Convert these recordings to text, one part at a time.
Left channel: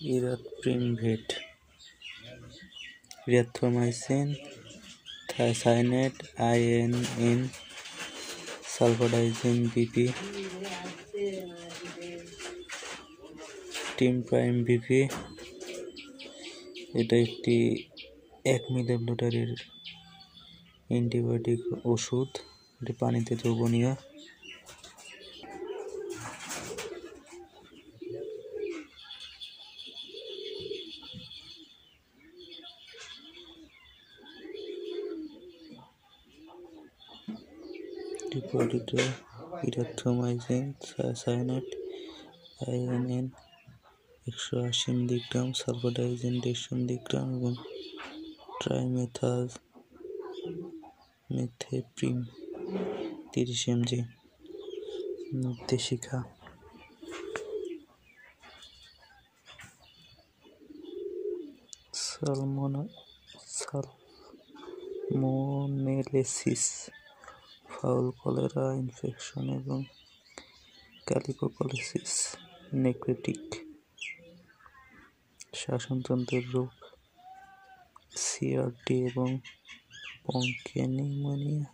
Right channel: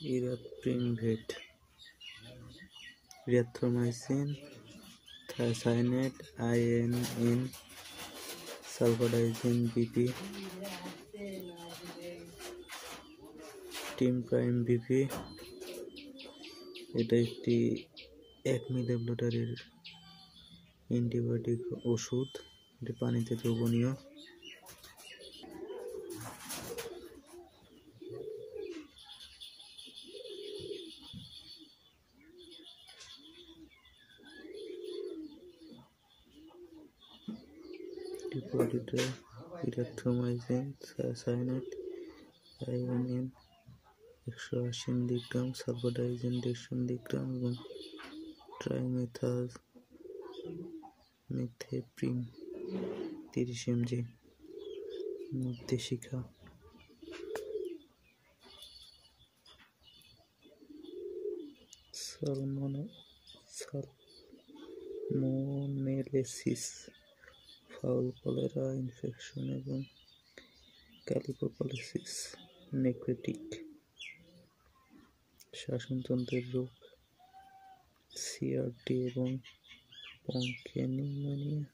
ইরাথ্রোমিভেট, erythromycin, থায়াসাইনেট, INN, সালফাডাইজিন BP, টিমপ্রাইম BP। এটা একটি 1 মিলিলিটারের antibiotic ওষুধ। এটি পানিতে দ্রবণীয়। ইরিথ্রোমাইসিন, থায়াসাইনেট, INN 180 মিলিগ্রাম, সালফাডাইজিন 150 মিলিগ্রাম এবং ট্রাইমেথালমিথেপ্রিম 30 mg। নির্দেশিকা: সালমোনেলেসিস, ফাউল কলেরা ইনফেকশন এবং ক্যালিপোকোলাইসিস নেক্রেটিক শ্বাসতন্ত্রের রোগ, CRD এবং ব্রঙ্কিওনিউমোনিয়া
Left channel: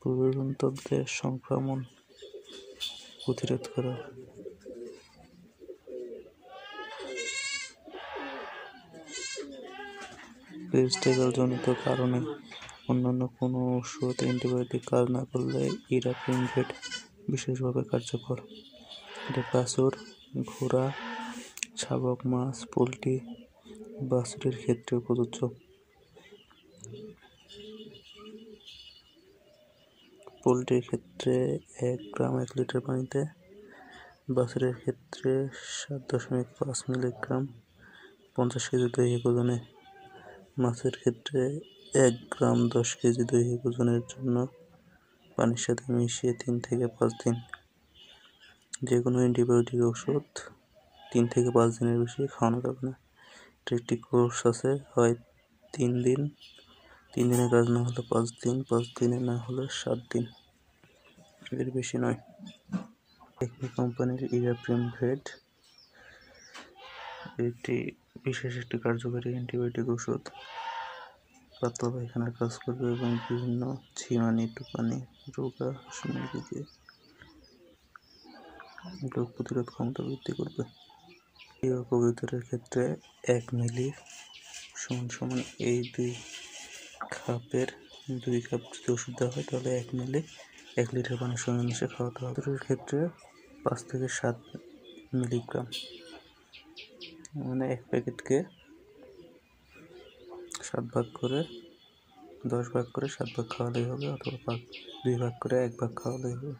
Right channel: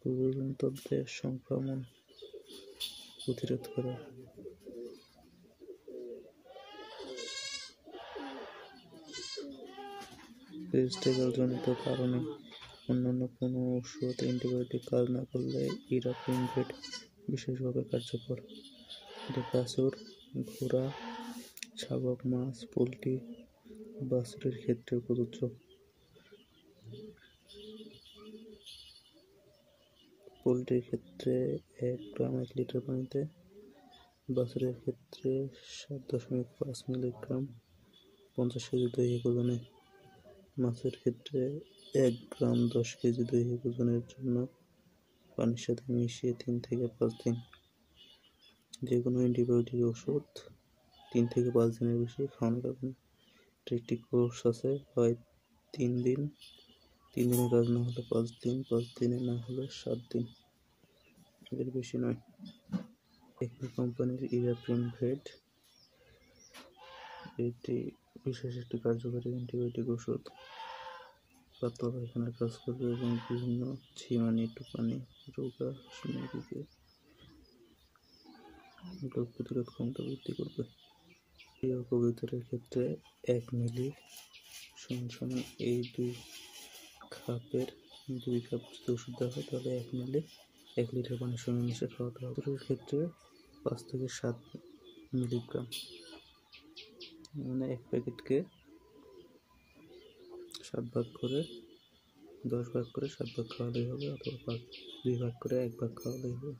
প্রজননতন্ত্রের সংক্রমণ প্রতিরোধ করা। পেরিস্টেকাল জনিত কারণে অন্যান্য কোনো ওষুধ অ্যান্টিবায়োটিক কাজ না করলে ইরাথ্রোমিভেট বিশেষভাবে কার্যকর। এটা বাছুর, ঘোড়া, শাবক, মাছ, পোল্ট্রি, বাছুরের ক্ষেত্রেও প্রযোজ্য। পোল্ট্রির ক্ষেত্রে 1 গ্রাম 1 লিটার পানিতে, বাছুরের ক্ষেত্রে 7.5 মিলিগ্রাম 50 কেজি দৈহিক ওজনে, মাছের ক্ষেত্রে 1 গ্রাম 10 কেজি দৈহিক ওজনের জন্য পানির সাথে মিশিয়ে 3 থেকে 5 দিন। যে কোনো অ্যান্টিবায়োটিক ওষুধ 3 থেকে 5 দিনের বেশি খাওয়ানো যাবে না। এটার একটি কোর্স আছে, হয় 3 দিন, 3 দিনে কাজ না হলে 5 দিন, 5 দিনে না হলে 7 দিন, এর বেশি নয়। একমি কোম্পানির ইরাথ্রোমিভেট এটি বিশেষ একটি কার্যকরী অ্যান্টিবায়োটিক ওষুধ। পাতলা পায়খানার কাজ করবে এবং বিভিন্ন ঝিমানি, টুপানি, রোগা, মুরগিকে রোগ প্রতিরোধ ক্ষমতা বৃদ্ধি করবে। কবুতরের ক্ষেত্রে 1 মিলি সমান এই 2 কাপের 2 কাপ যদি ওষুধ দেওয়া হয় তাহলে 1 মিলি 1 লিটার পানির সঙ্গে মিশিয়ে খাওয়াতে হবে। কবুতরের ক্ষেত্রে 5 থেকে 7 মিলিগ্রাম, মানে 1 প্যাকেটকে 7 ভাগ করে 10 ভাগ করে 7 ভাগ খাওয়ালেই হবে, অথবা 2 ভাগ করে 1 ভাগ খাওয়ালেই হবে।